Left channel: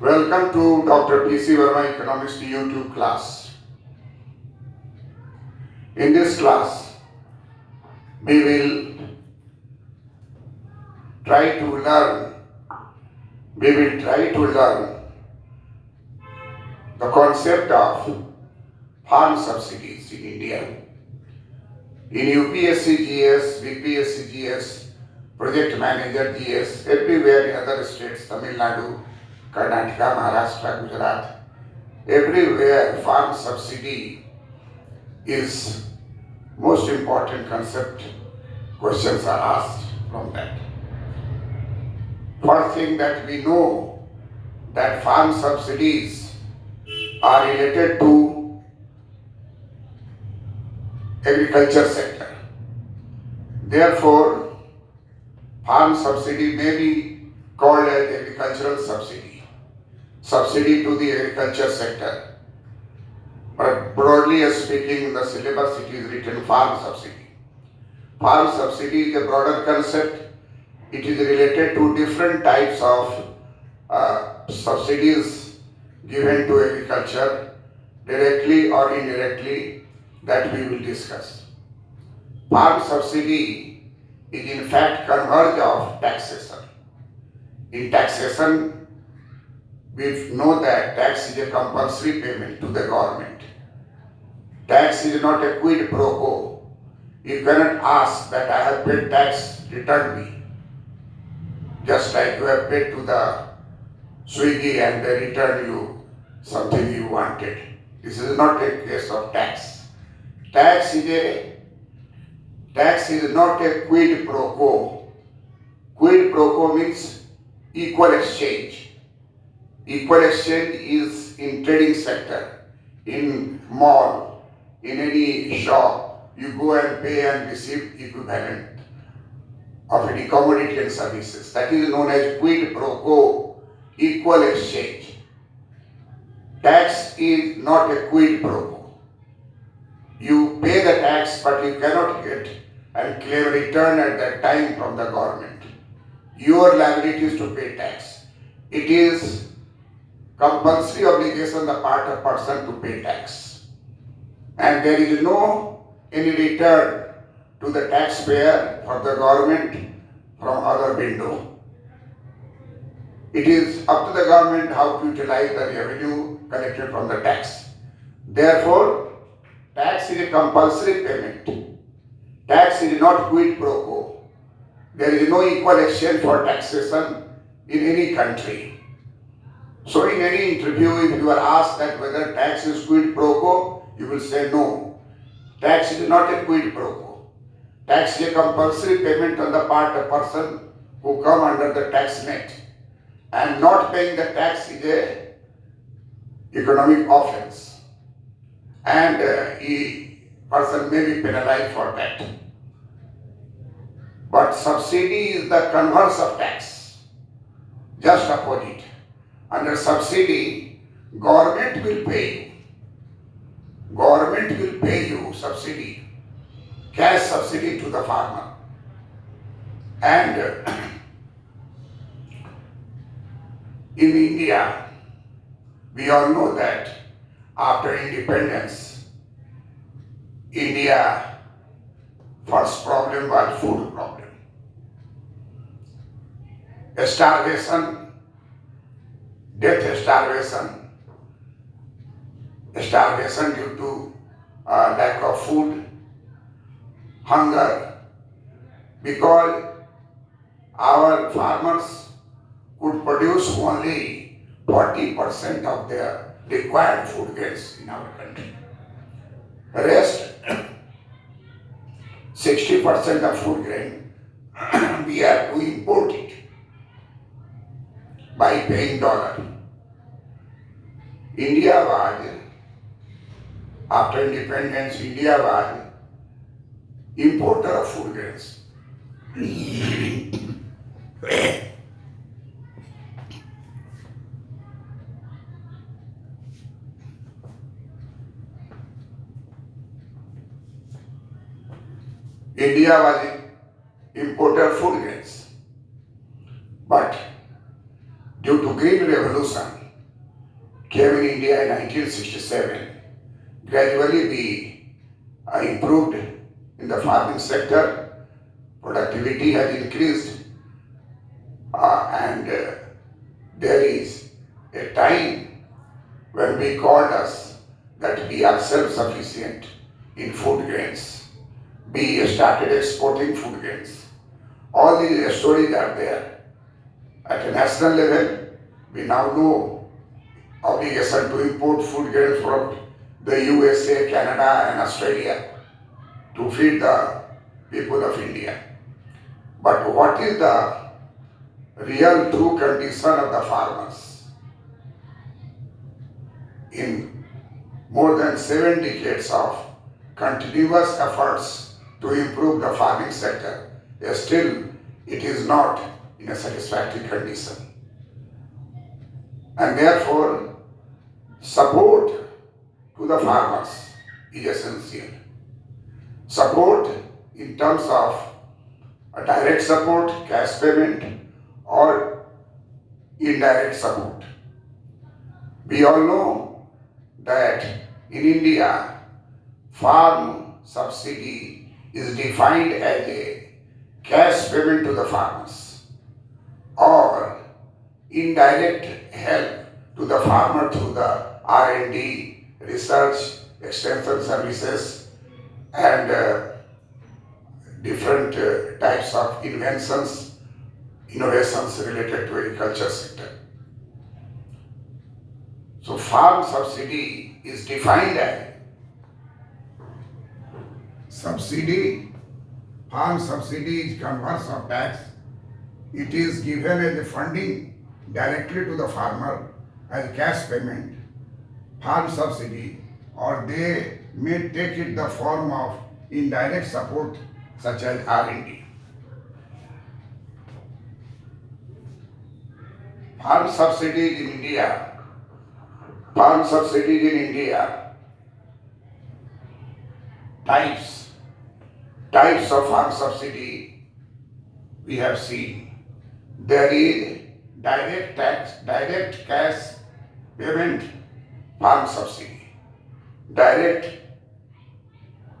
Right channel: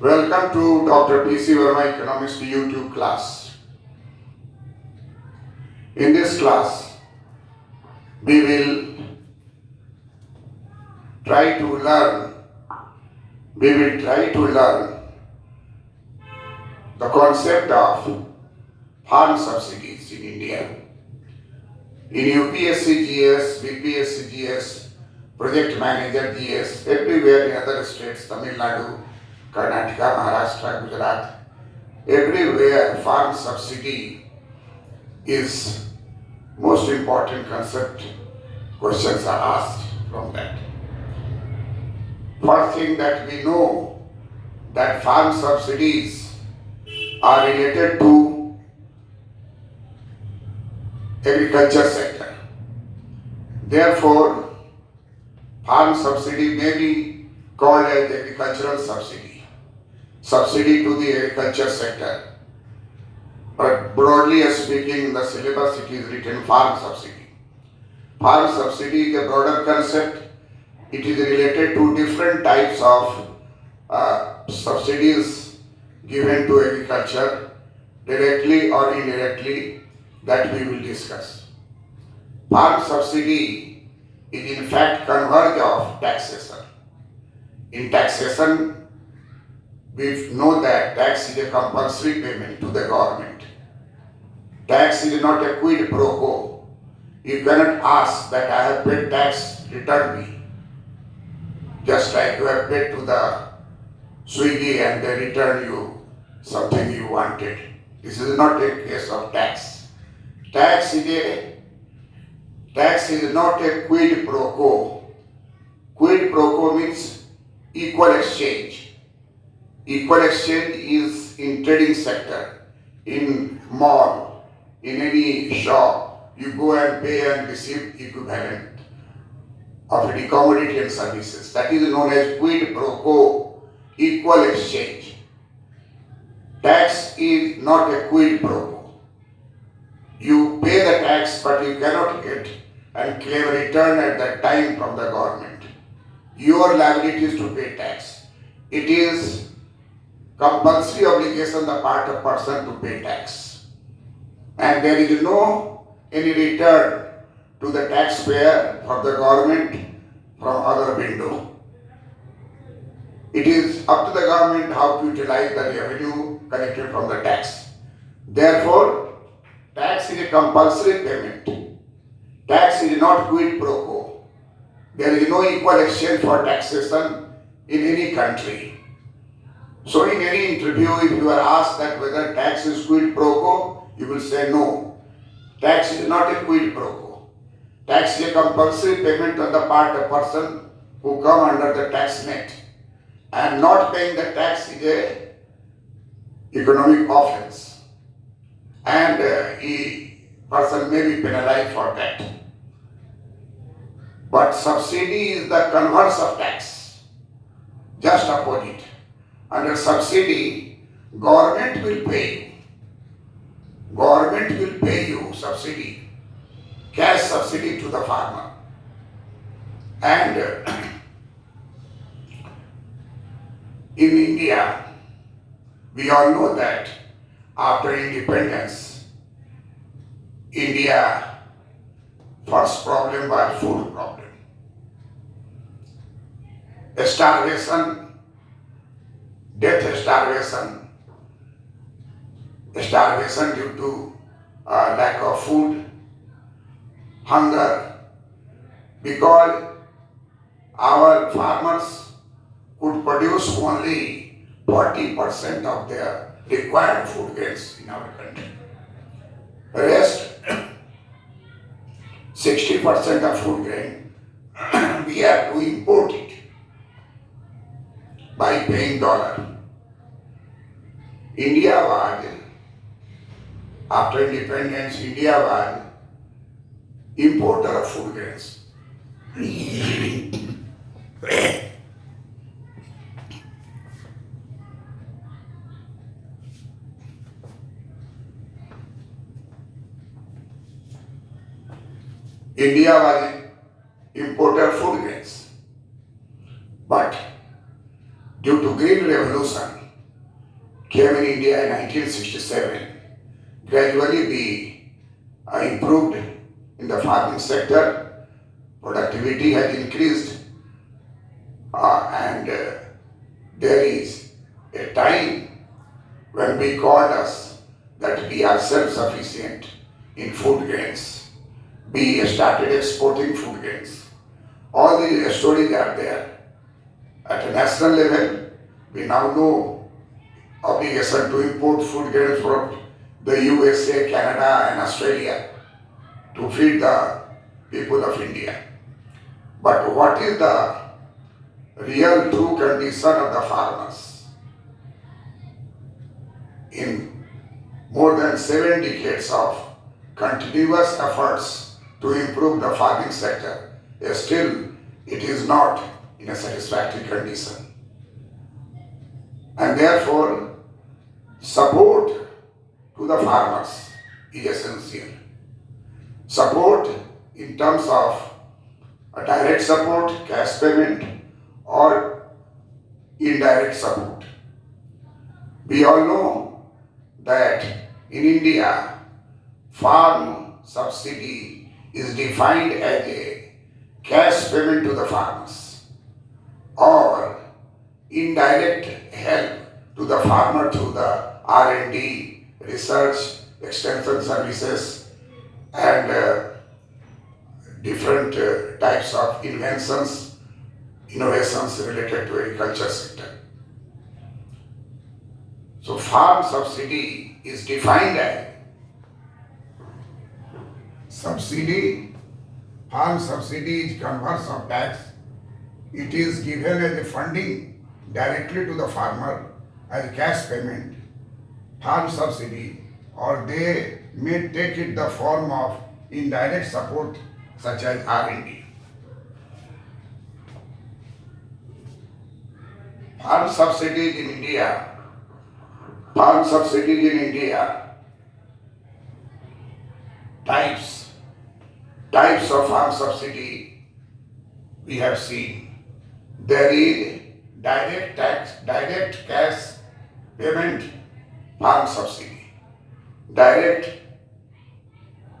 Welcome to Dr. P.C. Verma Economics YouTube class. In this class, we will try to learn, the concept of farm subsidies in India. In UPSC GS, BPSC GS, Project Manager GS, everywhere in other states, Tamil Nadu, Karnataka, Maharashtra, Gujarat, everywhere farm subsidy is most important concept. Questions are asked from that. First thing that we know that farm subsidies are related to agriculture sector. Therefore, farm subsidy may be called as agricultural subsidy to the agriculture sector. But broadly speaking, in the syllabus it is written farm subsidy. Farm subsidy is a broader concept. It is related to different types of subsidies given to agriculture, directly or indirectly, that we will discuss. Farm subsidy is in fact converge of taxation. In taxation, we know that tax is a compulsory payment to the government. Tax is not a quid pro quo. You cannot ask that I have paid tax, return me. Just like you have paid to the Swiggy and they return you something you wanted. This is not a case of tax. Tax is not a quid pro quo. Quid pro quo means equal exchange. Equal exchange is in trading sector, in mall, in any shop. You go and pay and receive equivalent of any commodity and services. That is known as quid pro quo, equal exchange. Tax is not a quid pro quo. You pay the tax, but you cannot get and claim return at that time from the government. Your liability is to pay tax. It is compulsory obligation on the part of person to pay tax. And there is no any return to the taxpayer or the government from other window. It is up to the government how to utilize the revenue collected from the tax. Therefore, tax is a compulsory payment. Tax is not quid pro quo. There is no equal exchange for taxation in any country. So in any interview, if you are asked that whether tax is quid pro quo, you will say no. Tax is not a quid pro quo. Tax is a compulsory payment on the part of person who come under the tax net. And not paying the tax is a economic offense. And a person may be penalized for that. But subsidy is the converse of tax. Just opposite. Under subsidy, government will pay you. Government will pay you subsidy, cash subsidy to the farmer. And in India, we all know that after independence, India first problem was food problem. Starvation, death starvation due to lack of food, hunger, because our farmers could produce only 40% of their required food grains in our country. The rest, 60% of food grain, we have to import it by paying dollar. India was, after independence, India was importer of food grains. India was importer of food grains. But due to Green Revolution, came in India in 1967. Gradually we improved in the farming sector, productivity has increased, and there is a time when we called us that we are self-sufficient in food grains. We started exporting food grains. All these stories are there. At a national level, we now know obligation to import food grains from the USA, Canada and Australia to feed the people of India. But what is the real true condition of the farmers? In more than 7 decades of continuous efforts to improve the farming sector, still it is not in a satisfactory condition. And therefore, support to the farmers is essential. Support in terms of a direct support, cash payment, or indirect support. We all know that in India, farm subsidy is defined as a cash payment to the farmers or indirect help to the farmer through the R&D, research, extension services, and different types of inventions, innovations related to agriculture sector. So farm subsidy is defined as farm subsidy is converse of tax. It is given as a funding directly to the farmer as cash payment, farm subsidy, or they may take it the form of indirect support such as R&D. Farm subsidies in India, types of farm subsidy we have seen. There is direct cash payment farm subsidy. Direct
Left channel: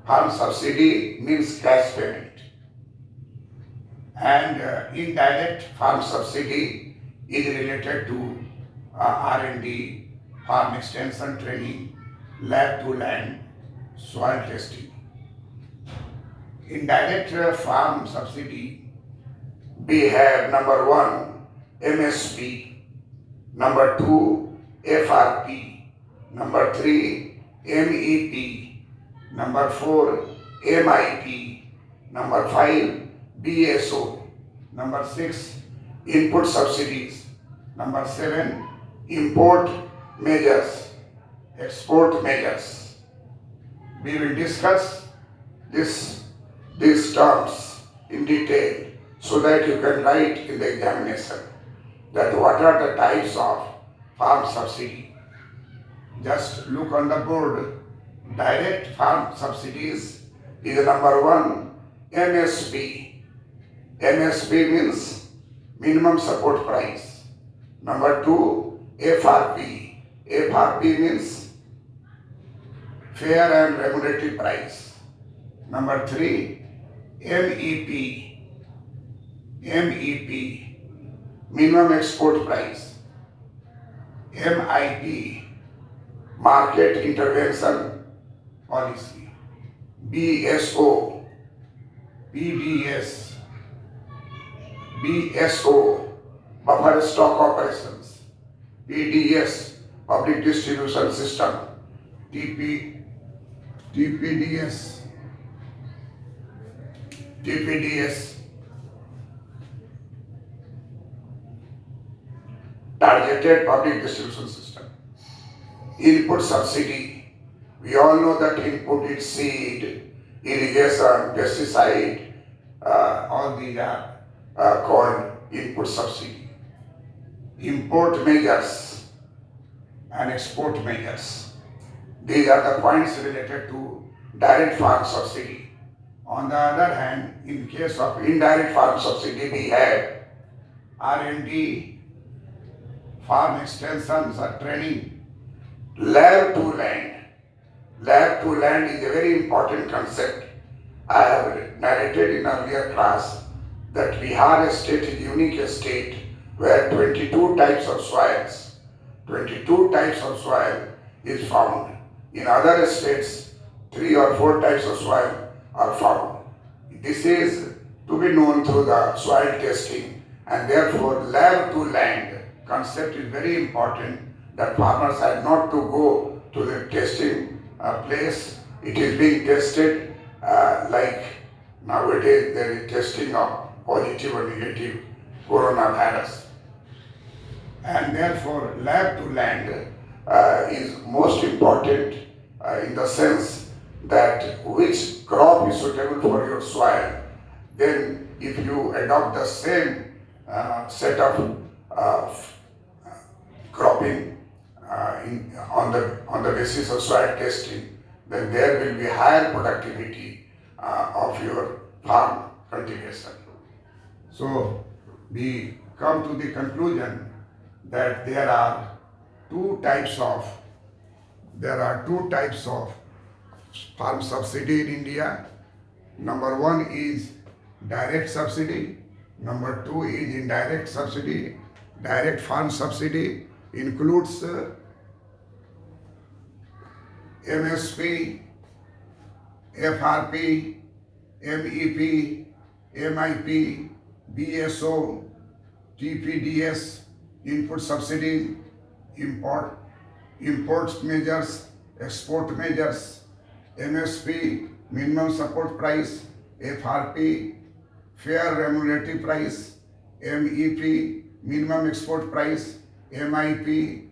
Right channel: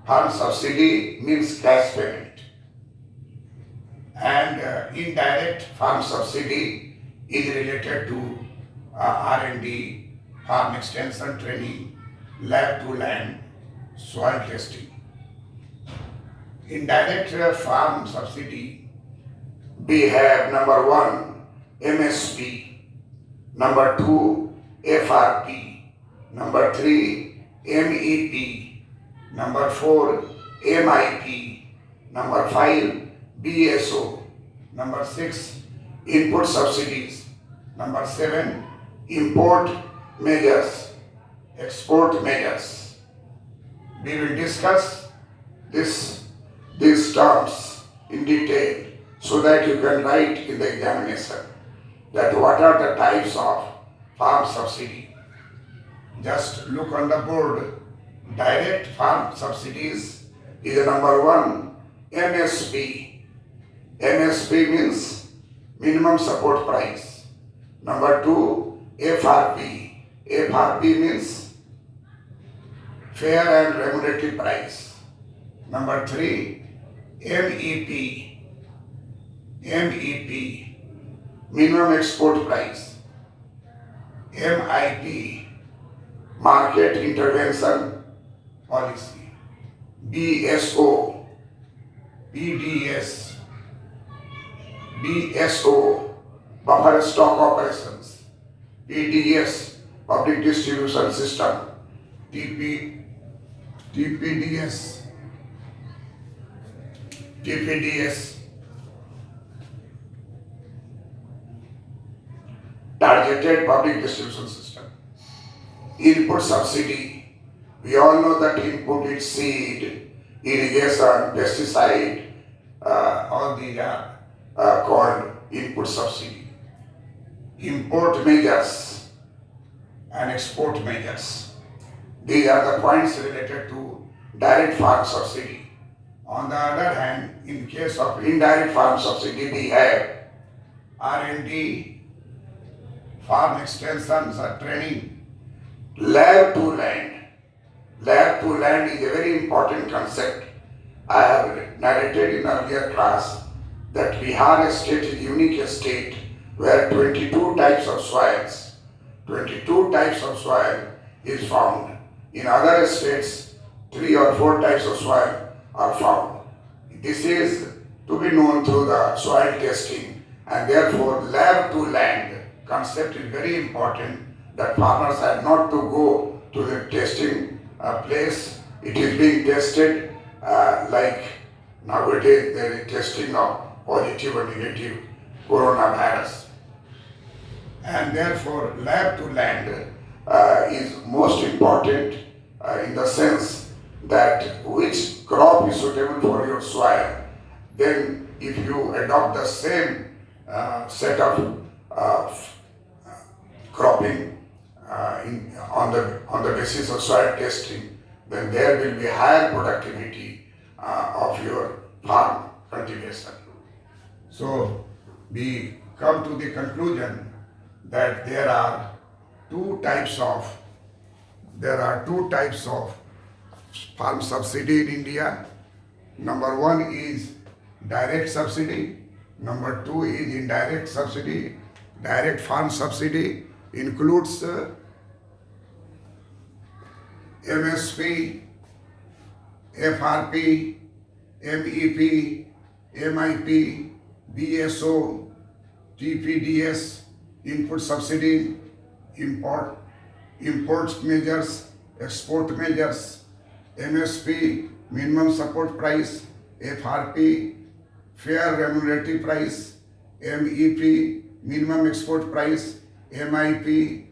farm subsidy means cash payment. And indirect farm subsidy is related to R&D, farm extension training, lab to land, soil testing. Indirect farm subsidy, we have number 1, MSP, number 2, FRP, number 3, MEP, number 4, MIP, number 5, BSO, number 6, input subsidies, number 7, import measures, export measures. We will discuss these terms in detail so that you can write in the examination that what are the types of farm subsidy. Just look on the board. Direct farm subsidies is number 1, MSP. MSP means minimum support price. Number 2, FRP. FRP means fair and remunerative price. Number 3, MEP. MEP, minimum export price. MIP, market intervention policy. BSO, BDS, BSO, buffer stock operations. PDS, public distribution system. TPDS, targeted public distribution system. Input subsidy, we all know that input is seed, irrigation, pesticide, all these are called input subsidy. Import measures and export measures, these are the points related to direct farm subsidy. On the other hand, in case of indirect farm subsidy, we have R&D, farm extensions or training, lab to land. Lab to land is a very important concept. I have narrated in earlier class that Bihar state is a unique state where 22 types of soils, 22 types of soil is found. In other states, 3 or 4 types of soil are found. This is to be known through the soil testing, and therefore lab to land concept is very important, that farmers have not to go to the testing place. It is being tested like nowadays there is testing of positive or negative coronavirus. And therefore lab to land is most important in the sense that which crop is suitable for your soil. Then if you adopt the same set of cropping on the basis of soil testing, then there will be higher productivity of your farm cultivation. So we come to the conclusion that there are two types of farm subsidy in India. Number one is direct subsidy. Number two is indirect subsidy. Direct farm subsidy includes MSP, FRP, MEP, MIP, BSO, TPDS, input subsidy, imports measures, export measures, MSP, minimum support price, FRP, fair remunerative price, MEP, minimum export price, MIP,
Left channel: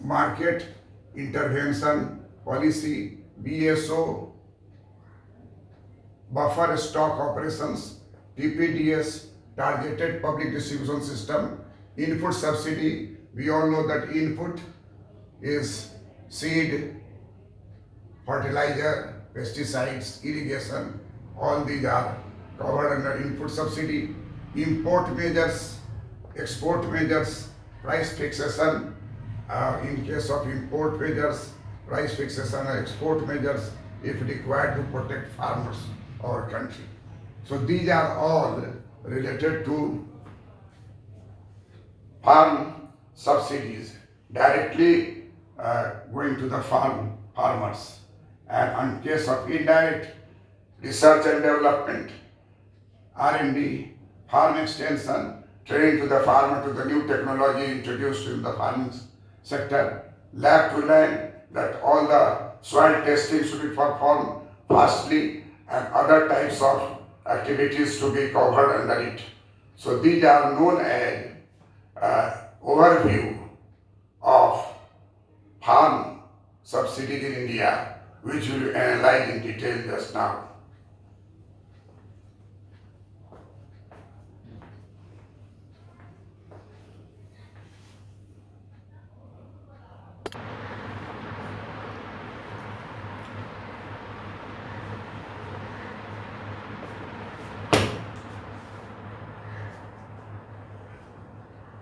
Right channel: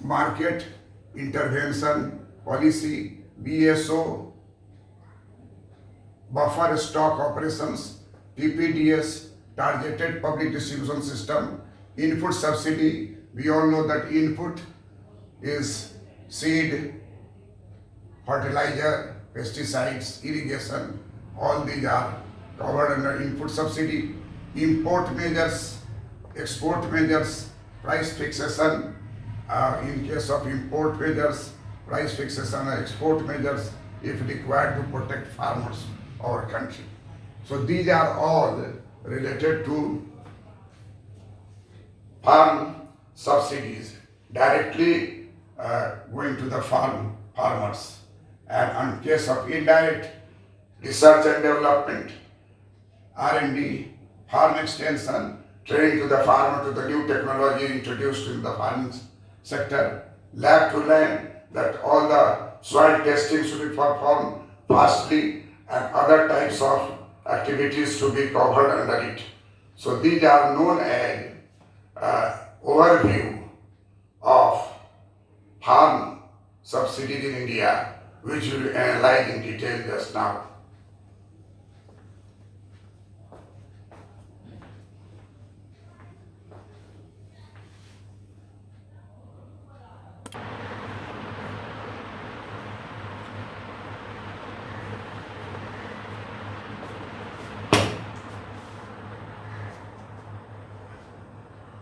market intervention policy, BSO, buffer stock operations, TPDS, targeted public distribution system, input subsidy. We all know that input is seed, fertilizer, pesticides, irrigation. All these are covered under input subsidy. Import measures, export measures, price fixation. In case of import measures, price fixation and export measures if required to protect farmers of our country. So these are all related to farm subsidies directly going to the farmers. And in case of indirect, research and development, R&D, farm extension, training to the farmer to the new technology introduced in the farming sector, lab to land, that all the soil testing should be performed fastly, and other types of activities to be covered under it. So these are known as overview of farm subsidies in India, which we will analyze in detail just now.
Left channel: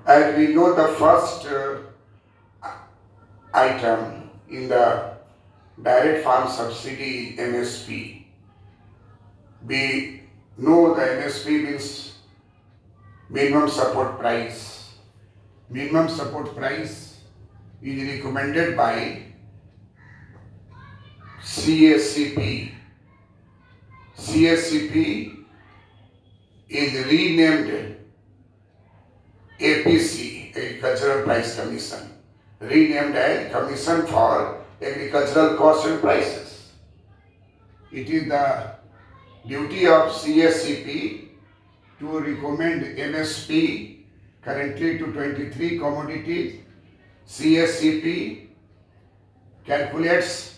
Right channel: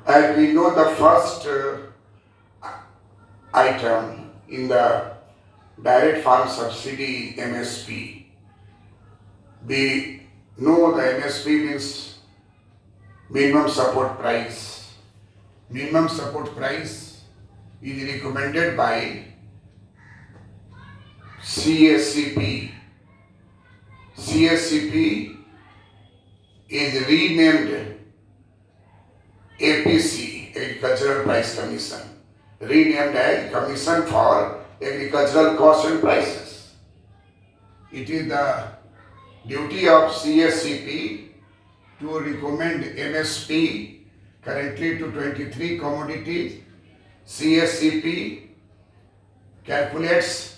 And we know the first item in the direct farm subsidy MSP. We know the MSP means minimum support price. Minimum support price is recommended by CSCP. CSCP is renamed APC, Agricultural Price Commission, renamed as Commission for Agricultural Costs and Prices. It is the duty of CSCP to recommend MSP currently to 23 commodities. CSCP calculates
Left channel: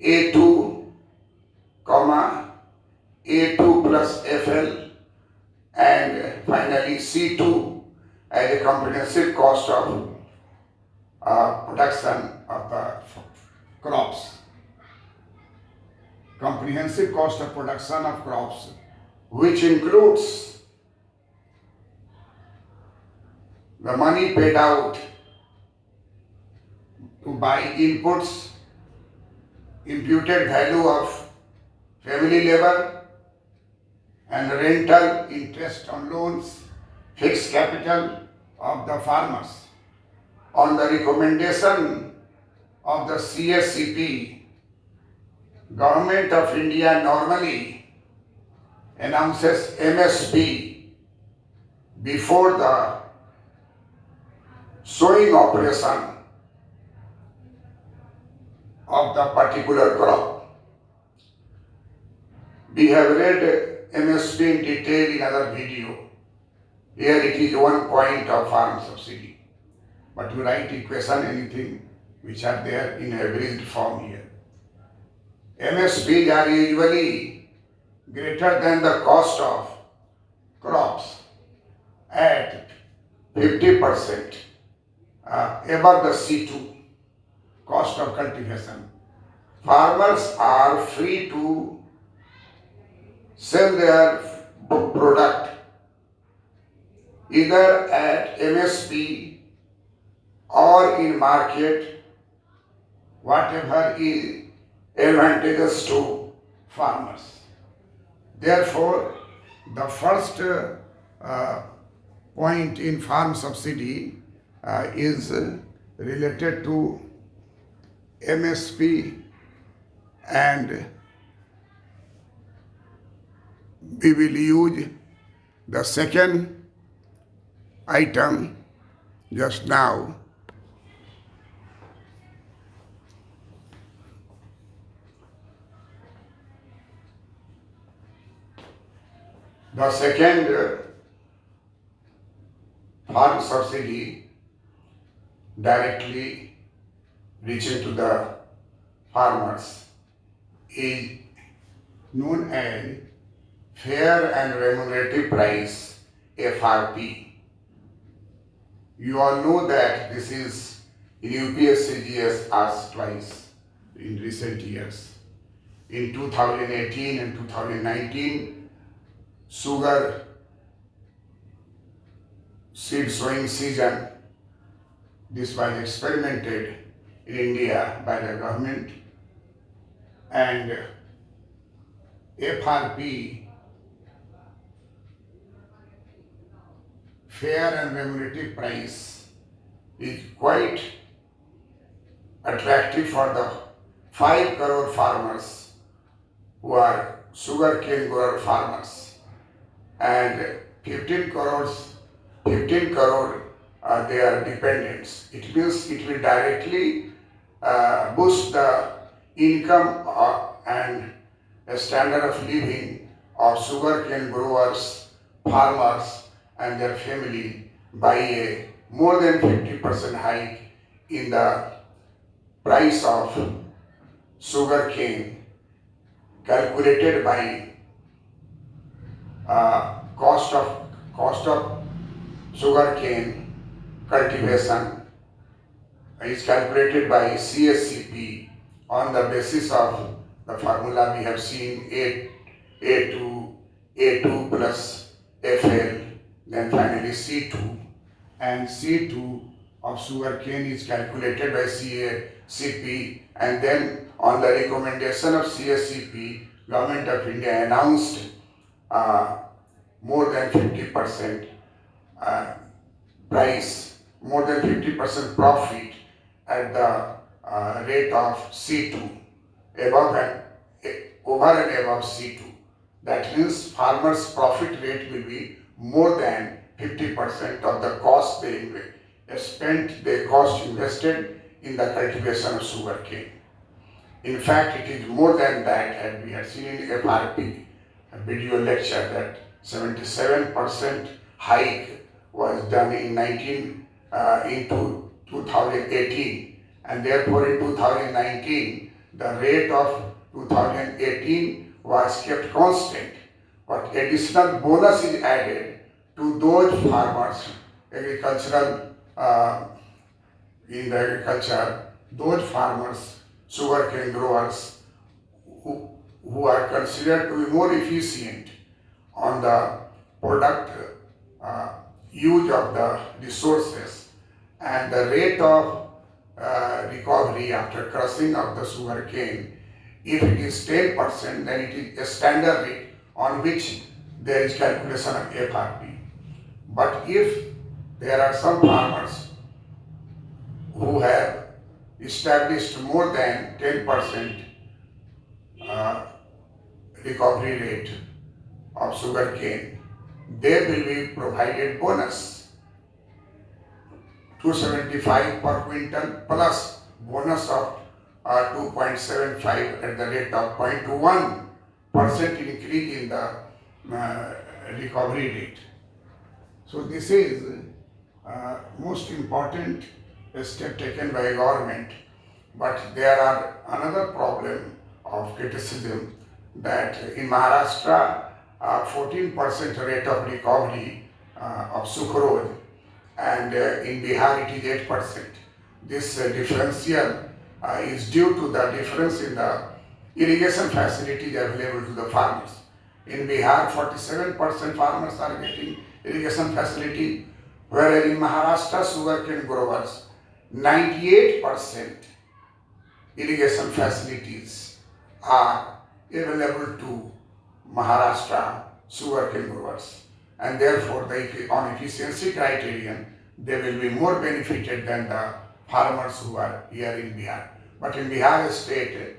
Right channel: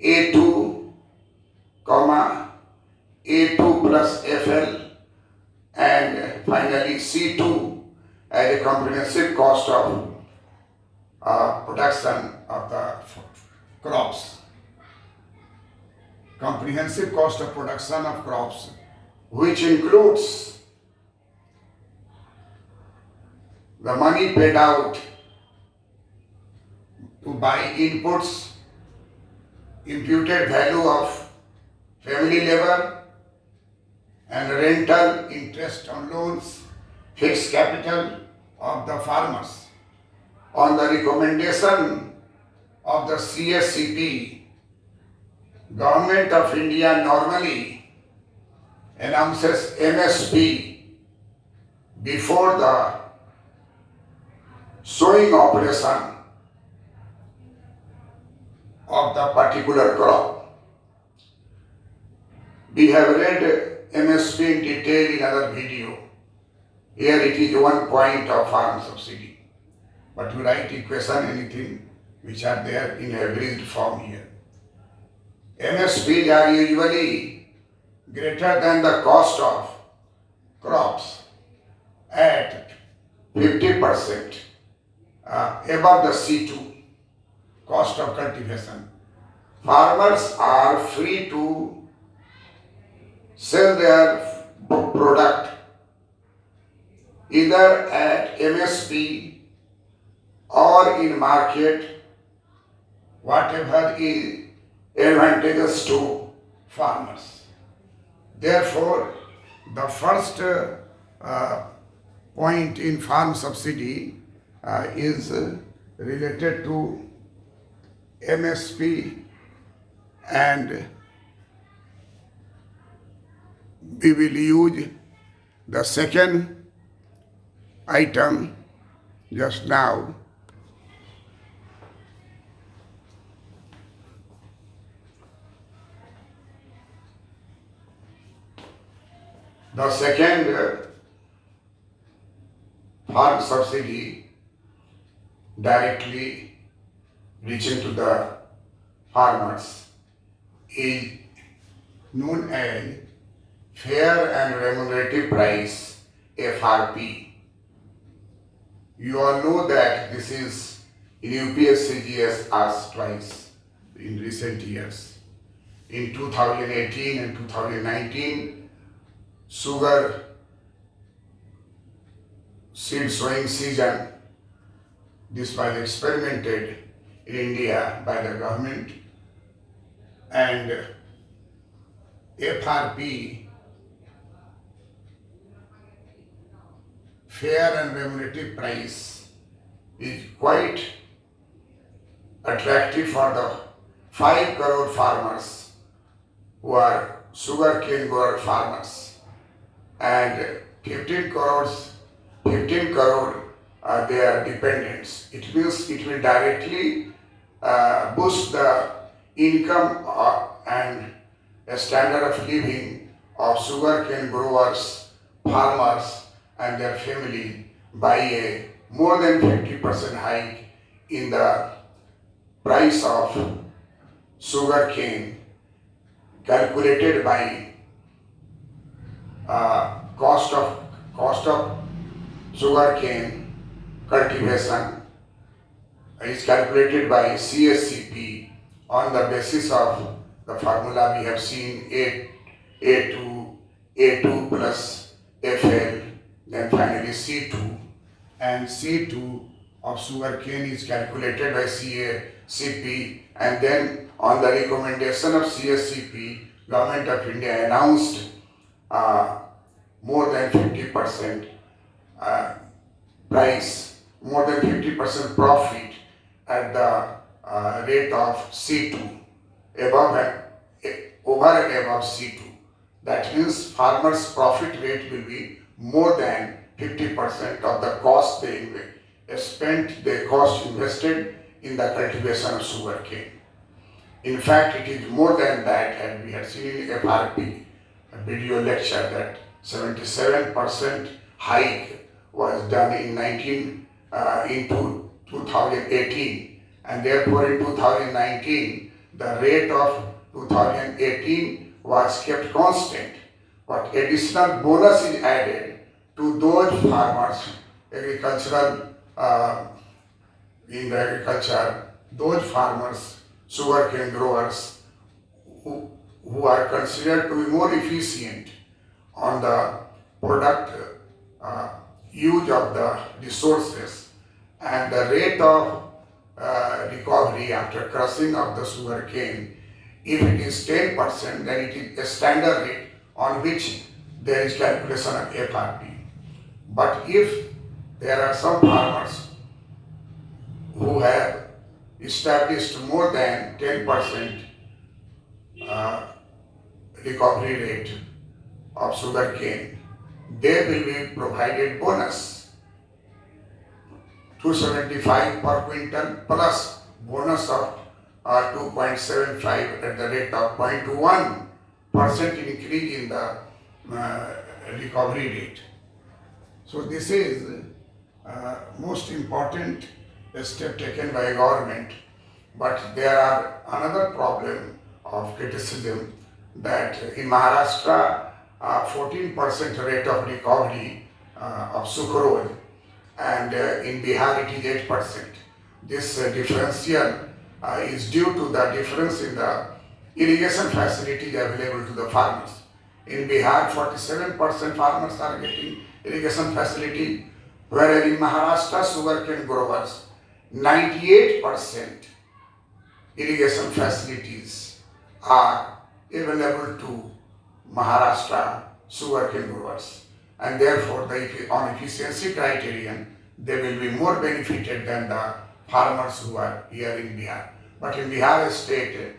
A2, A2 plus FL, and finally C2 as a comprehensive cost of production of the crops. Comprehensive cost of production of crops, which includes the money paid out to buy inputs, imputed value of family labor, and rental interest on loans, fixed capital of the farmers. On the recommendation of the CSCP, Government of India normally announces MSP before the sowing operation of the particular crop. We have read MSP in detail in other video. Here it is 1 point of farm subsidy. But you write equation, anything which are there in abridged form here. MSPs are usually greater than the cost of crops at 50% above the C2, cost of cultivation. Farmers are free to sell their product either at MSP or in market, whatever is advantageous to farmers. Therefore, the first point in farm subsidy is related to MSP, and we will use the second item just now. The second farm subsidy directly reaching to the farmers is known as Fair and Remunerative Price, FRP. You all know that this is in UPSC asked twice in recent years. In 2018 and 2019, sugar seed sowing season, this was experimented in India by the government, and FRP, fair and remunerative price, is quite attractive for the 5 crore farmers who are sugarcane grower farmers, and 15 crore are their dependents. It means it will directly boost the income and a standard of living of sugarcane growers, farmers and their family by a more than 50% hike in the price of sugarcane calculated by cost of sugarcane cultivation is calculated by CSCP on the basis of the formula we have seen A2 plus FL, then finally C2, and C2 of sugarcane is calculated by CSCP, and then on the recommendation of CSCP, Government of India announced more than 50% price, more than 50% profit at the rate of C2, over and above C2. That means farmers' profit rate will be more than 50% of the cost they spent, the cost invested in the cultivation of sugarcane. In fact, it is more than that, and we have seen in FRP, a video lecture, that 77% hike was done in 2018, and therefore in 2019 the rate of 2018 was kept constant, but additional bonus is added to those farmers, agricultural in the agriculture, those farmers, sugarcane growers who are considered to be more efficient on the product use of the resources, and the rate of recovery after crushing of the sugar cane. If it is 10%, then it is a standard rate on which there is calculation of FRP. But if there are some farmers who have established more than 10% recovery rate of sugar cane, they will be provided bonus 275 per quintal plus bonus of 2.75 at the rate of 0.21% increase in the recovery rate. So this is most important step taken by government. But there are another problem of criticism that in Maharashtra 14% rate of recovery of sucrose, and in Bihar it is 8%. This differential is due to the difference in the irrigation facilities available to the farmers. In Bihar, 47% farmers are getting irrigation facility, whereas in Maharashtra, sugarcane growers, 98% irrigation facilities are available to Maharashtra sugarcane growers, and therefore on efficiency criterion they will be more benefited than the farmers who are here in Bihar. But in Bihar state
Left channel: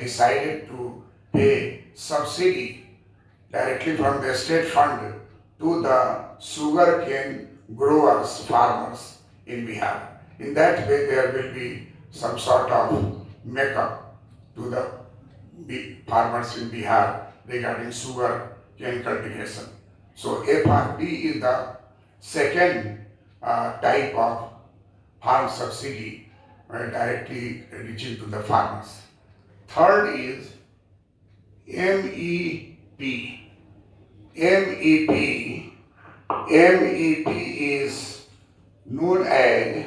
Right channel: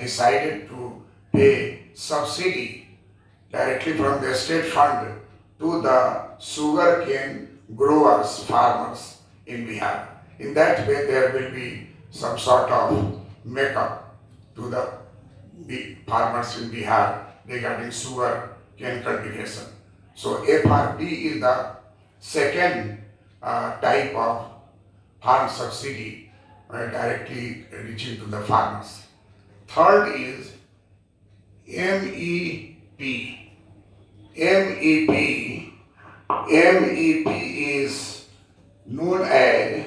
decided to pay subsidy directly from the state fund to the sugarcane growers, farmers in Bihar. In that way there will be some sort of makeup to the farmers in Bihar regarding sugar cane cultivation. So FRP is the second type of farm subsidy directly reaching to the farmers. Third is MEP. MEP is known as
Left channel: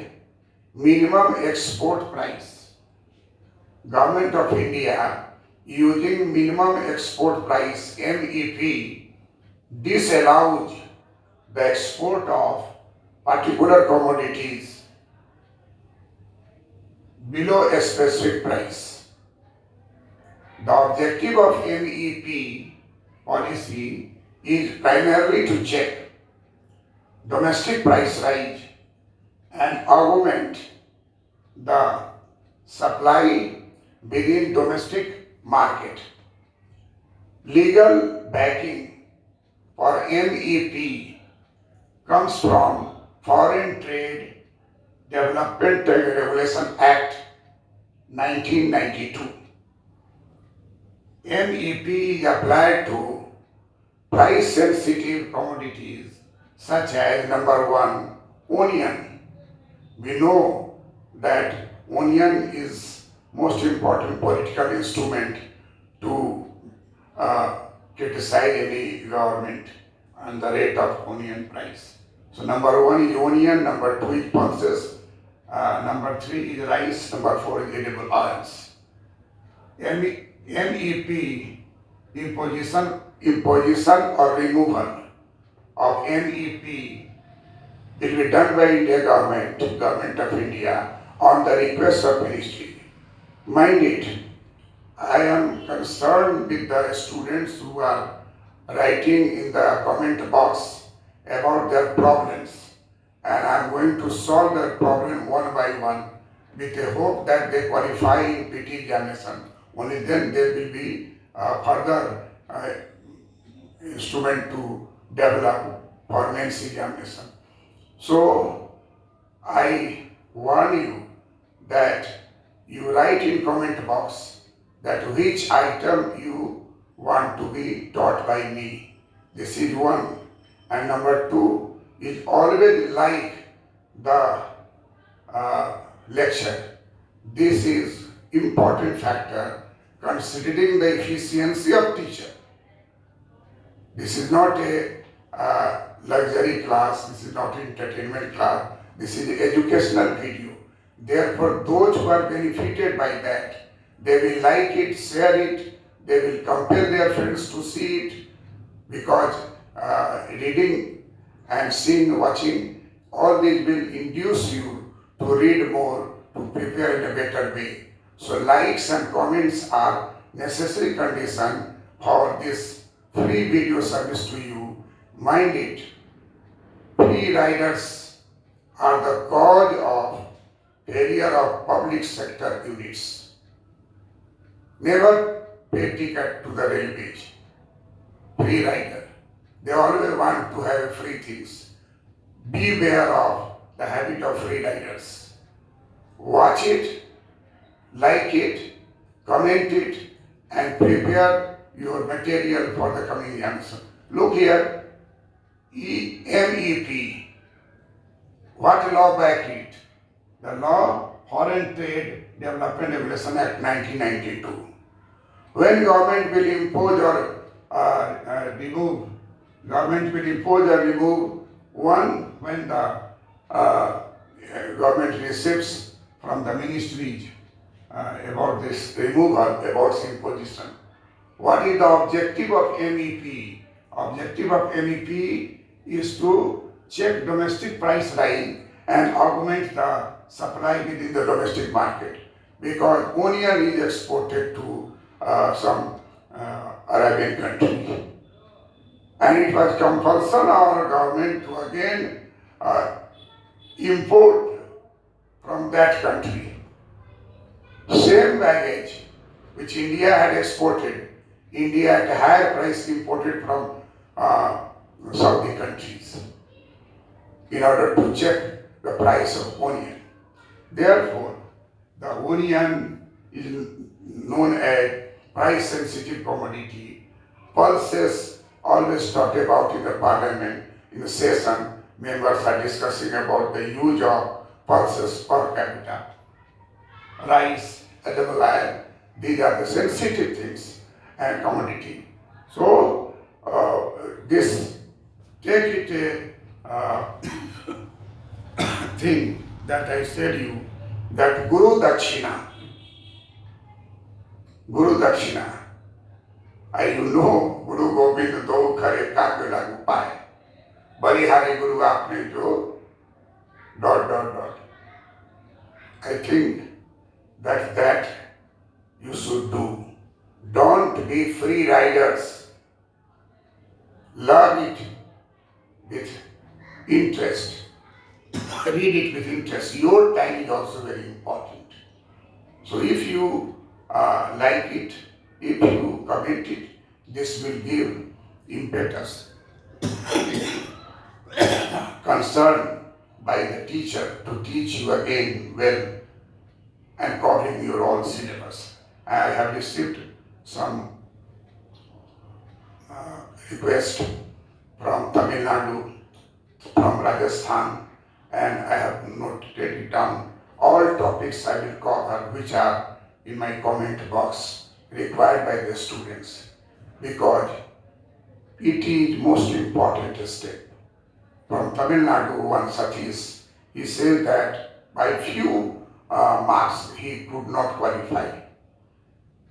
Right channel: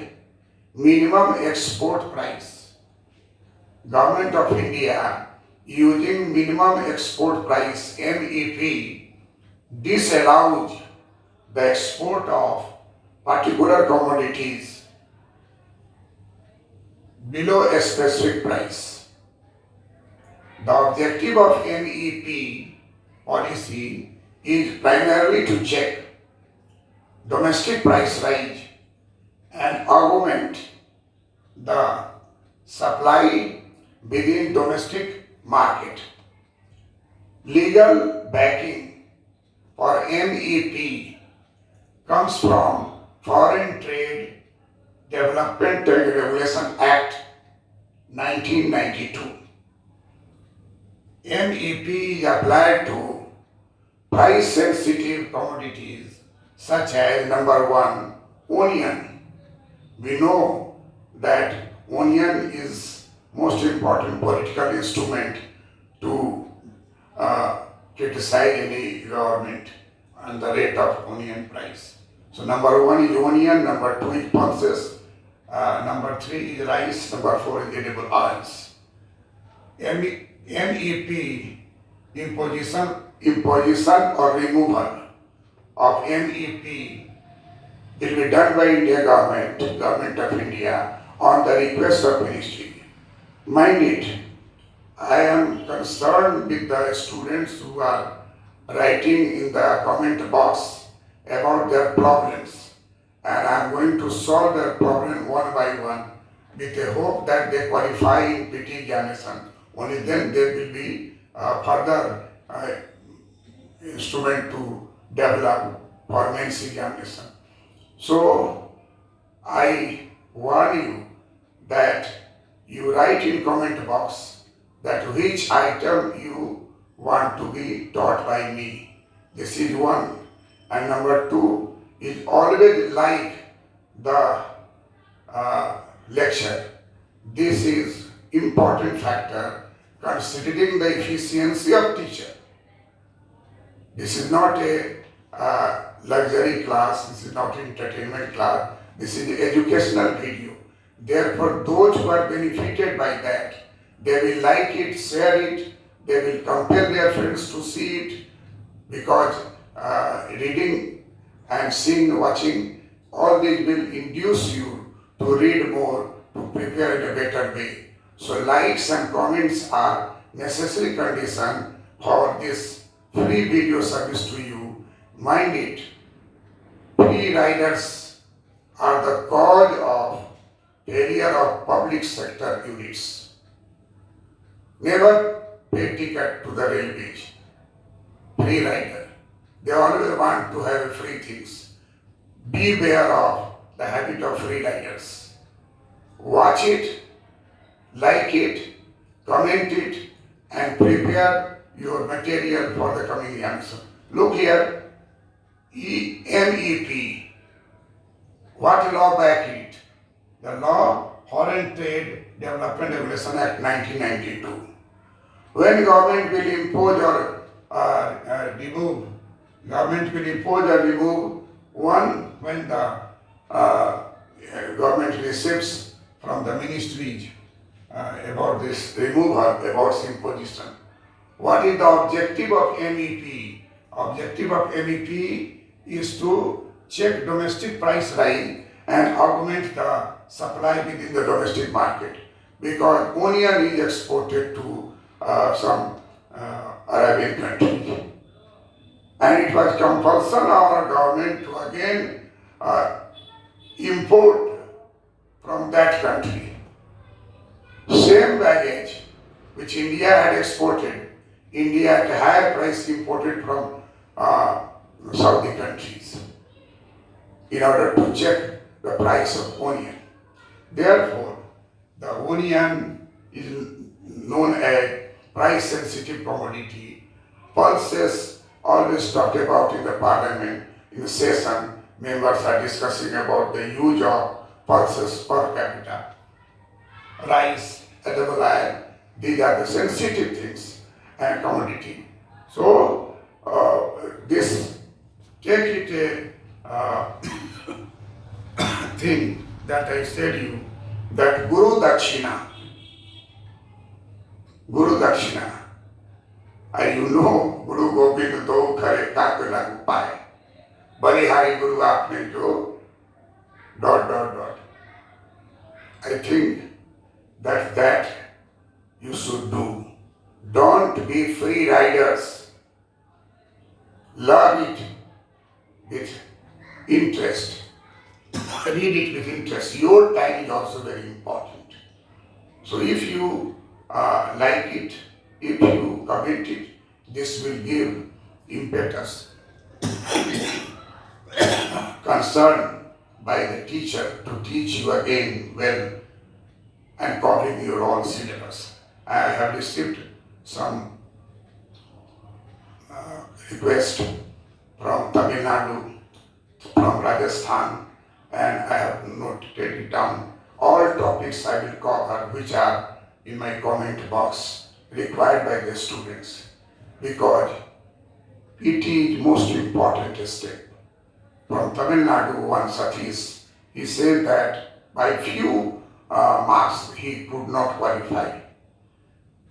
minimum export price. Government of India using minimum export price MEP disallows the export of particular commodities below a specific price. The objective of MEP policy is primarily to check domestic price rise and augment the supply within domestic market. Legal backing for MEP comes from Foreign Trade Development Regulation Act 1992. MEP is applied to price sensitive commodities such as number one, onion. We know that onion is most important political instrument to criticize any government on the rate of onion price. So number one is onion, number two is pulses, number three is rice, number four is edible oils. MEP imposition or removal of MEP will be done by India government of India on the request of ministry. Mind it, I am concerned with the students who are writing in the comment box about their problems, and I am going to solve their problem one by one with the hope that they qualify in PT examination. Only then there will be further instrument to develop for mains examination. So I warn you that you write in comment box that which item you want to be taught by me. This is one. And number two is always like the lecture. This is important factor considering the efficiency of teacher. This is not a luxury class, this is not entertainment class, this is educational video. Therefore, those who are benefited by that, they will like it, share it, they will compel their friends to see it, because reading and seeing, watching, all these will induce you to read more to prepare in a better way. So likes and comments are necessary condition for this free video service to you. Mind it, free riders are the cause of failure of public sector units. Never pay ticket to the railways. Free rider. They always want to have free things. Beware of the habit of free riders. Watch it, like it, comment it, and prepare your material for the coming exams. Look here, MEP. What law back it? The law Foreign Trade Development Regulation Act 1992. When government will impose or remove, one when the government receives from the ministries about this removal, about this imposition. What is the objective of MEP? Objective of MEP is to check domestic price rise and augment the supply within the domestic market, because onion is exported to some Arabian countries. And it was compulsory on our government to again import from that country. Same baggage which India had exported, India at a higher price imported from Saudi countries in order to check the price of onion. Therefore, the onion is known as price sensitive commodity. Pulses always talked about in the parliament, in the session, members are discussing about the use of pulses per capita. Rice, edible oil, these are the sensitive things and commodity. So, this, take it a thing that I said you, that Guru Dakshina, you know, Guru Gobind do kare kaak lagu paye. Balihari Guru aapne jo ... I think that you should do. Don't be free riders. Learn it with interest. Read it with interest. Your time is also very important. So if you like it, if you comment it, this will give impetus. Concern by the teacher to teach you again well and covering your own syllabus. I have received some requests from Tamil Nadu, from Rajasthan, and I have noted it down. All topics I will cover which are in my comment box required by the students, because it is most important step. From Tamil Nadu, one Satish, he said that by few marks he could not qualify.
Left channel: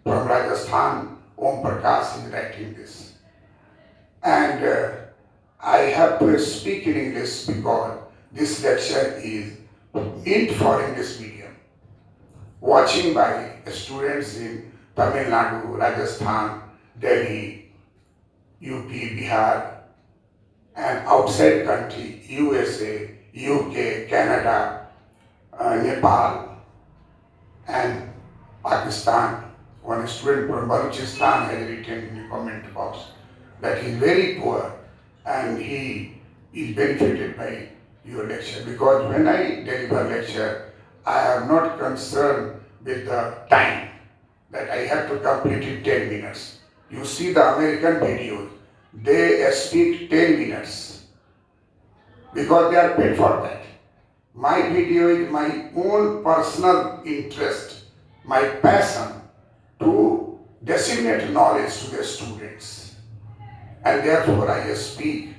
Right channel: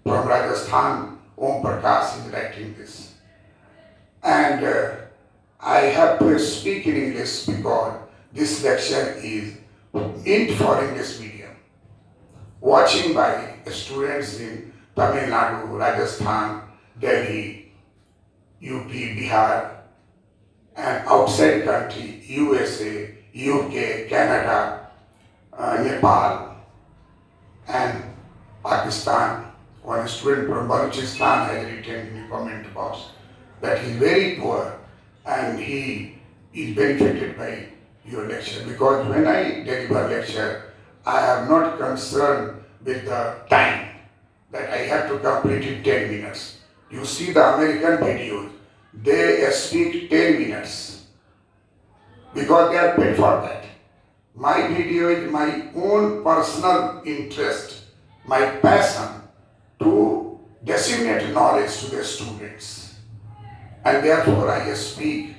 From Rajasthan, Om Prakash is writing this. And I have to speak in English because this lecture is meant for English medium. Watching by students in Tamil Nadu, Rajasthan, Delhi, UP, Bihar, and outside country, USA, UK, Canada, Nepal, and Pakistan. One student from Balochistan has written in the comment box that he is very poor and he is benefited by your lecture, because when I deliver lecture, I am not concerned with the time that I have to complete in 10 minutes. You see the American videos, they speak 10 minutes because they are paid for that. My video is my own personal interest, my passion to disseminate knowledge to the students. And therefore I speak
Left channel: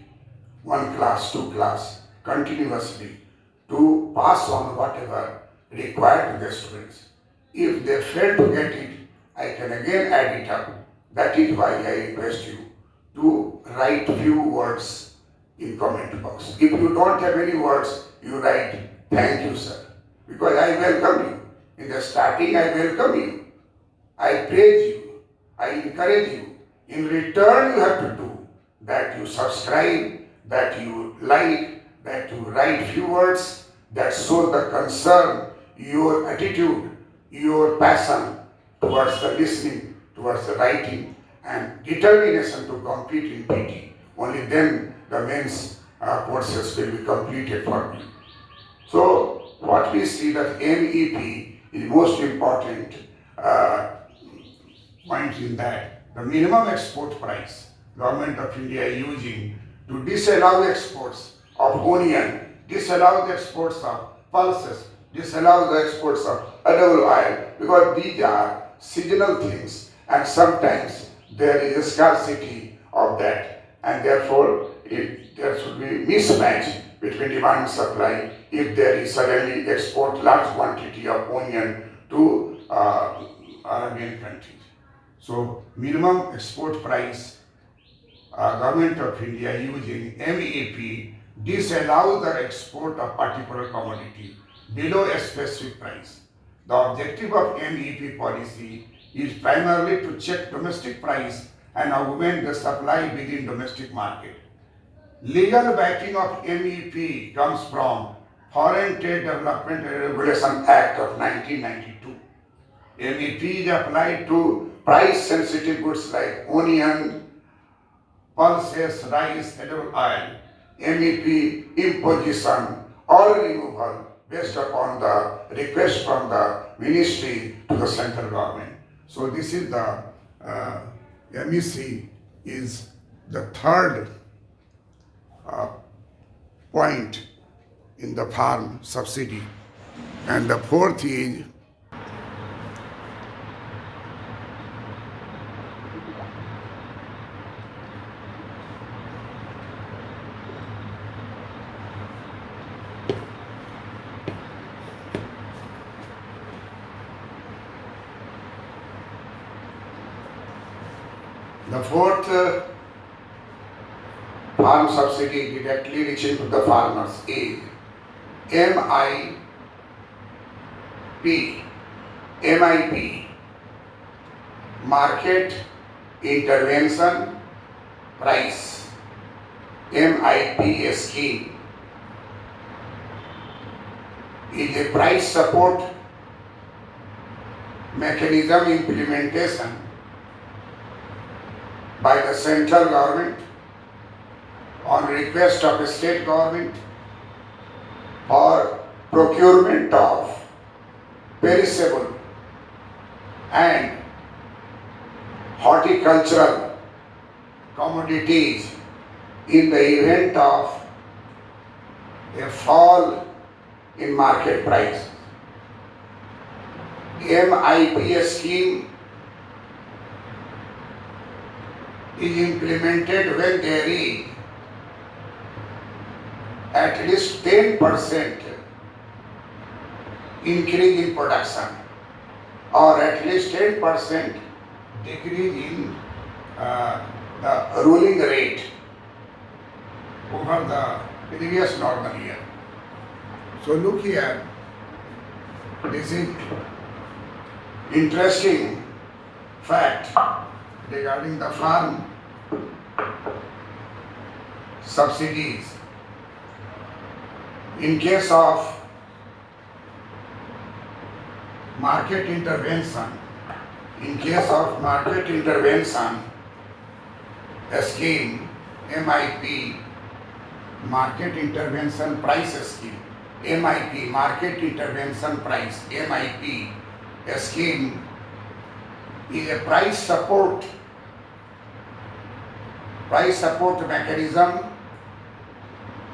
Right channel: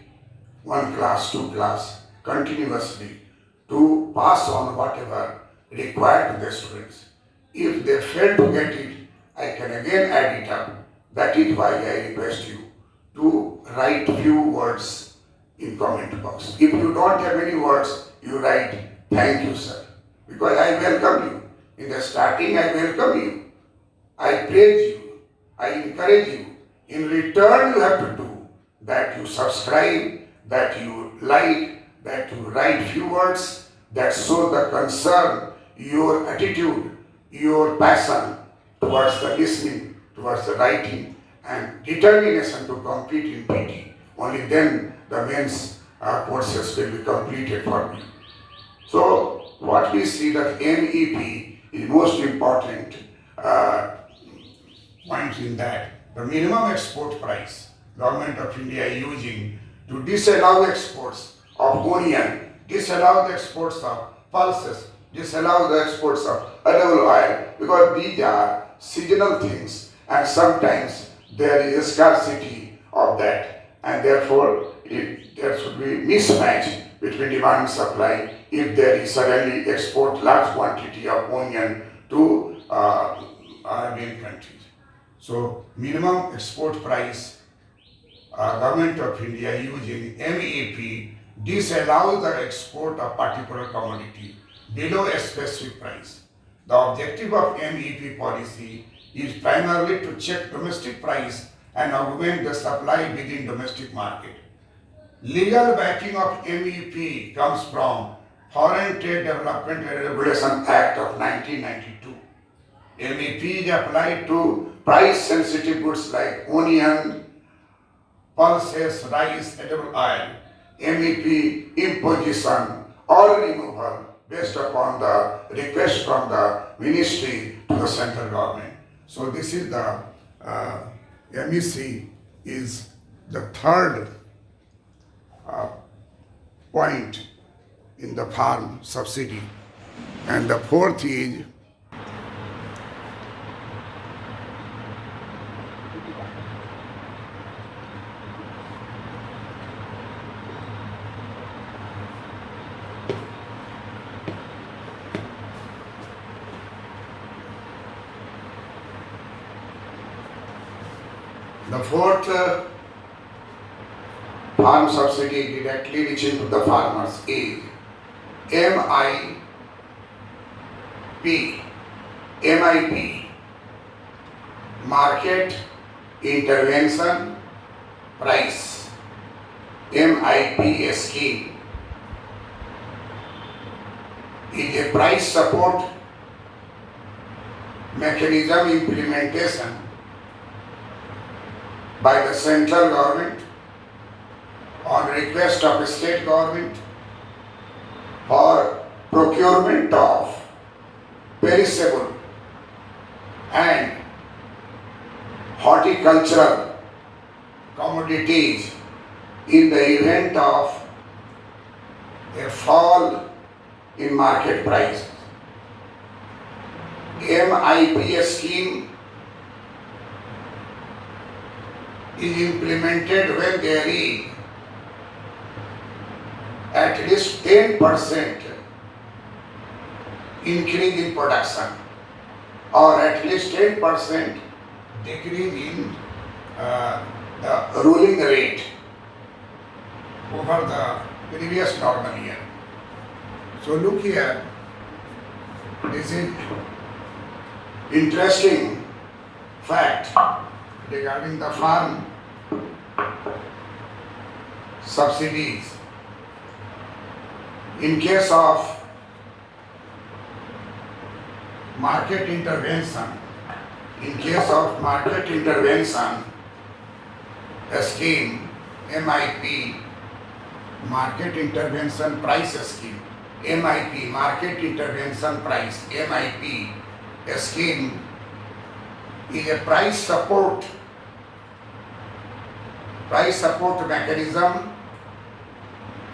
one class, two class, continuously to pass on whatever required to the students. If they fail to get it, I can again add it up. That is why I request you to write few words in comment box. If you don't have any words, you write, thank you, sir. because I welcome you. In the starting, I welcome you. I praise you. I encourage you. In return, you have to do that you subscribe, that you like, that you write few words that show the concern, your attitude, your passion towards the listening, towards the writing, and determination to complete in PT. Only then the men's courses will be completed for me. So what we see that MEP is most important point in that the minimum export price government of India is using to disallow exports of onion, disallow the exports of pulses, disallow the exports of edible oil, because these are seasonal things and sometimes there is a scarcity of that, and therefore there should be mismatch between demand and supply if there is suddenly export large quantity of onion to Arabian countries. So minimum export price, government of India using MEP disallows the export of particular commodity below a specific price. The objective of MEP policy is primarily to check domestic price and augment the supply within domestic market. Legal backing of MEP comes from Foreign Trade Development and Regulation Act of 1992. MEP is applied to price-sensitive goods like onion, pulses, rice, edible oil. MEP imposition or removal based upon the request from the ministry to the central government. So this is the MEC is the third point in the farm subsidy, and the fourth is farm subsidy directly reaching to the farmers is MIP, Market Intervention Price, MIP scheme is a price support mechanism implementation by the central government on request of the state government for procurement of perishable and horticultural commodities in the event of a fall in market price. MIP scheme is implemented when there is at least 10% increase in production or at least 10% decrease in the ruling rate over the previous normal year. So look here, this is interesting fact regarding the farm subsidies. In case of market intervention, a scheme, MIP, Market Intervention Price Scheme, MIP, Market Intervention Price, MIP, a scheme is a price support mechanism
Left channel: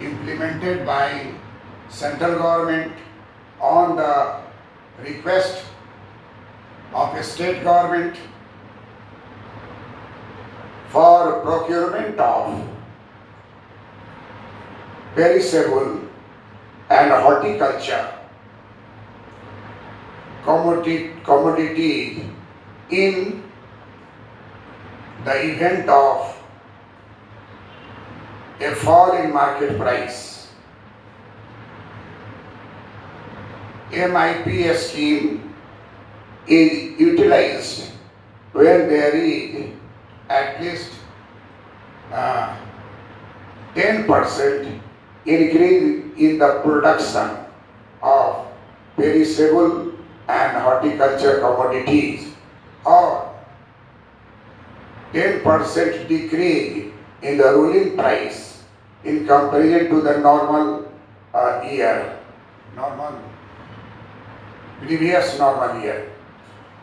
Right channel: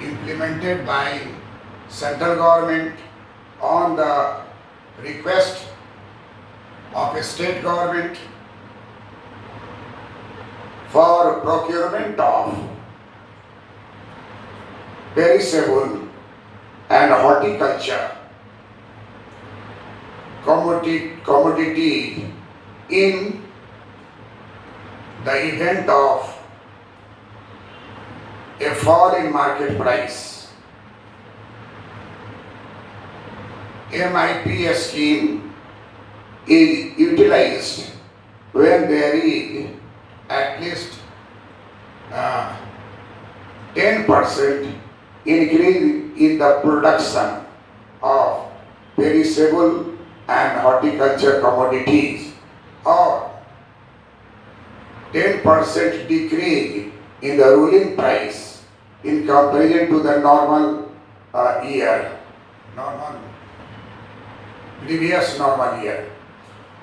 implemented by central government on the request of a state government for procurement of perishable and horticulture commodity in the event of a fall in market price. MIP scheme is utilized when there is at least 10% increase in the production of perishable and horticulture commodities, or 10% decrease in the ruling price in comparison to the normal previous normal year.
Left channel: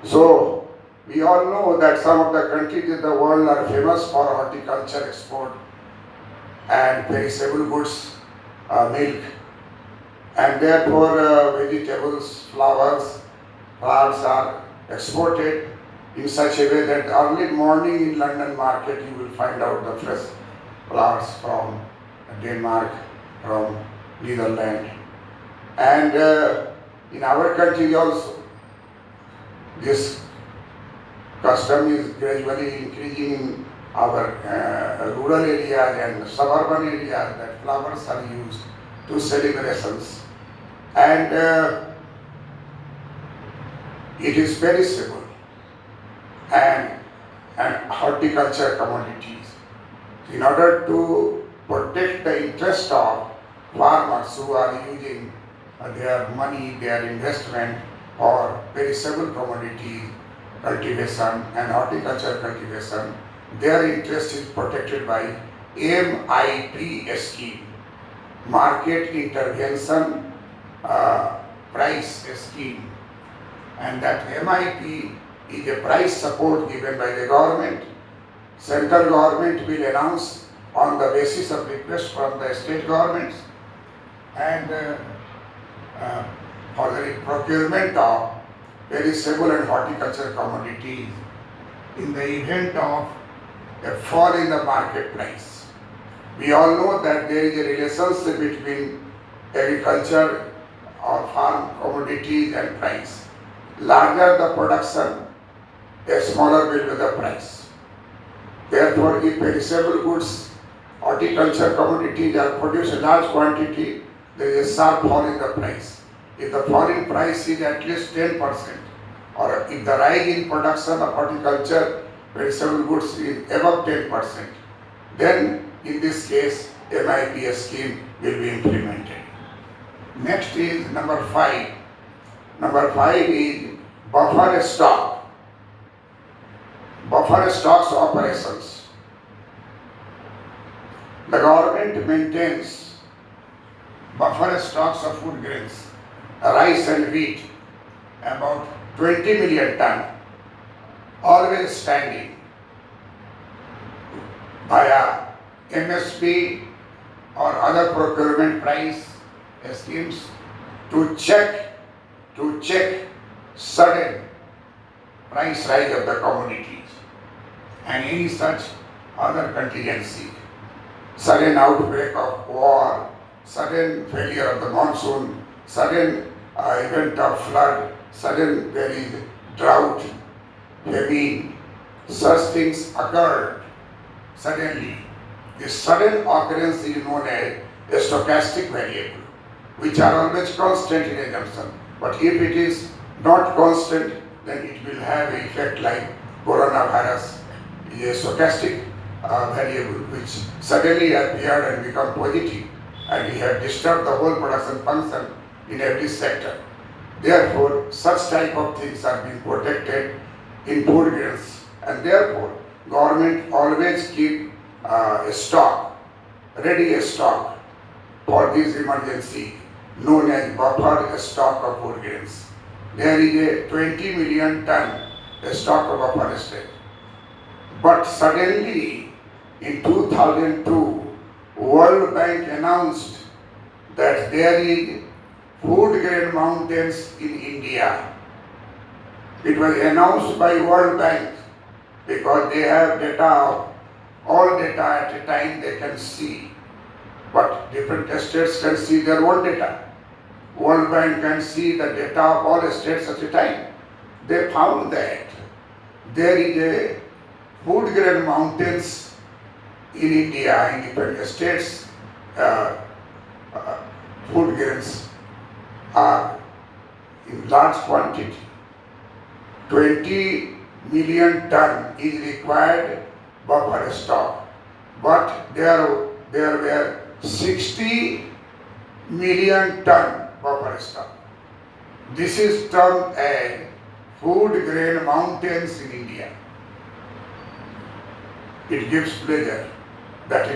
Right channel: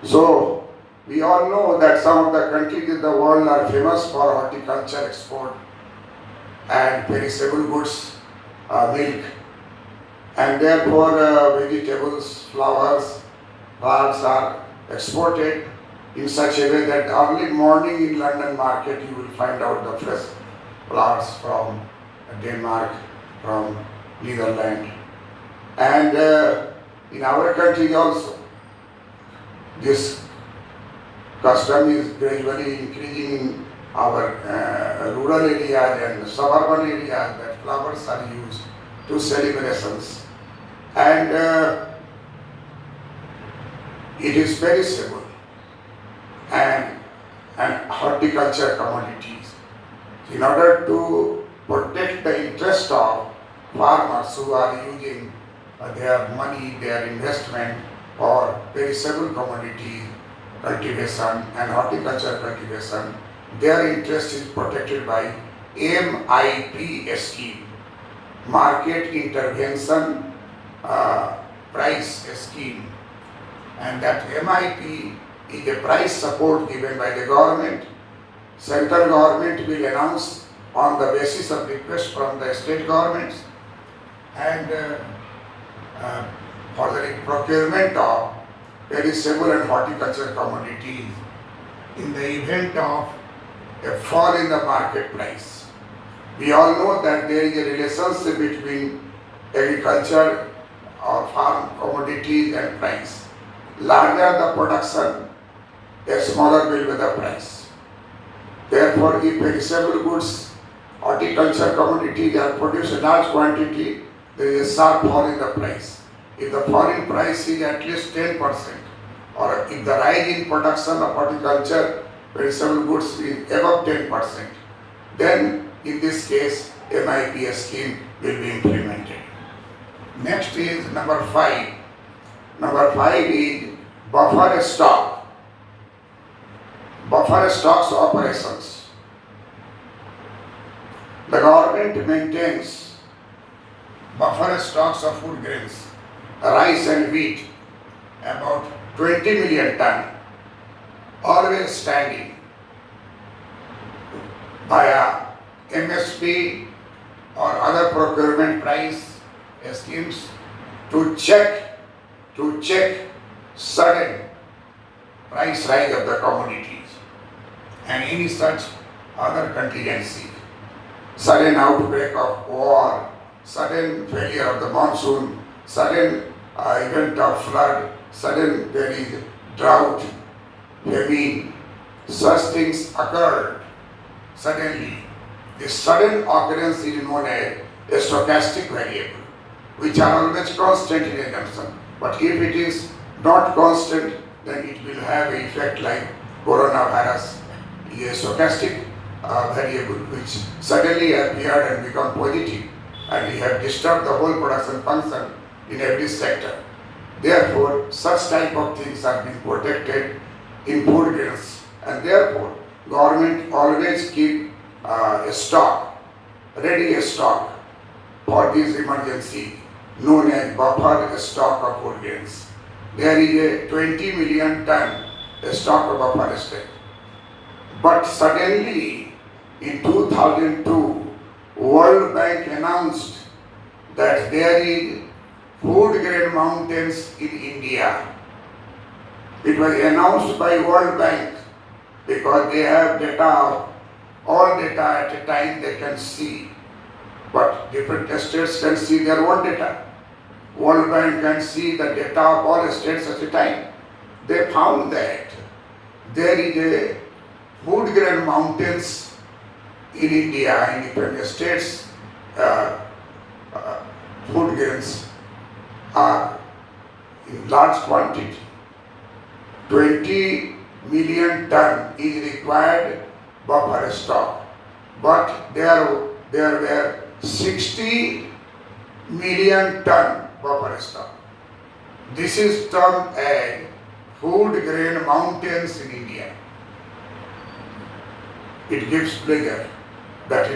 So we all know that some of the countries in the world are famous for horticulture export and perishable goods, milk, and therefore vegetables, flowers, plants are exported in such a way that early morning in London market you will find out the fresh flowers from Denmark, from Netherlands, and in our country also this custom is gradually increasing in our rural areas and suburban areas, that flowers are used to celebrations, and it is perishable and horticulture commodities. In order to protect the interest of farmers who are using their money, their investment for perishable commodity cultivation and horticulture cultivation, their interest is protected by MIP scheme, Market Intervention Price Scheme, and that MIP is a price support given by the government. Central government will announce on the basis of request from the state governments, and for the procurement of perishable and horticulture commodities in the event of a fall in the market price. We all know that there is a relationship between agriculture or farm commodities and price. Larger the production, a smaller will be the price. Therefore, if perishable goods, horticulture commodities are produced in large quantity, there is a sharp fall in the price. If the fall in price is at least 10%, or if the rise in production of horticulture perishable goods is above 10%, then in this case MIP scheme will be implemented. Next is number 5. Number 5 is buffer stock. Buffer stocks operations. The government maintains buffer stocks of food grains, rice and wheat, about 20 million ton, always standing via MSP or other procurement price schemes to check sudden price rise of the commodities and any such other contingency, sudden outbreak of war, sudden failure of the monsoon, sudden event of flood, sudden there is drought, famine, such things occurred suddenly. This sudden occurrence is known as a stochastic variable, which are always constant in assumption. But if it is not constant, then it will have an effect like coronavirus, is a stochastic variable which suddenly appeared and become positive, and we have disturbed the whole production function in every sector. Therefore, such type of things are being protected in food grains, and therefore government always keep a stock, ready stock for this emergency, known as buffer stock of food grains. There is a 20 million ton stock of buffer stock. But suddenly in 2002, World Bank announced that there is food grain mountains in India. It was announced by World Bank because they have data, all data at a time they can see. But different states can see their own data. World Bank can see the data of all states at a time. They found that there is a food grain mountains in India, in different states. Food grains are in large quantity. 20 million ton is required buffer stock, but there were 60 million ton buffer stock. This is termed as food grain mountains in India. It gives pleasure that in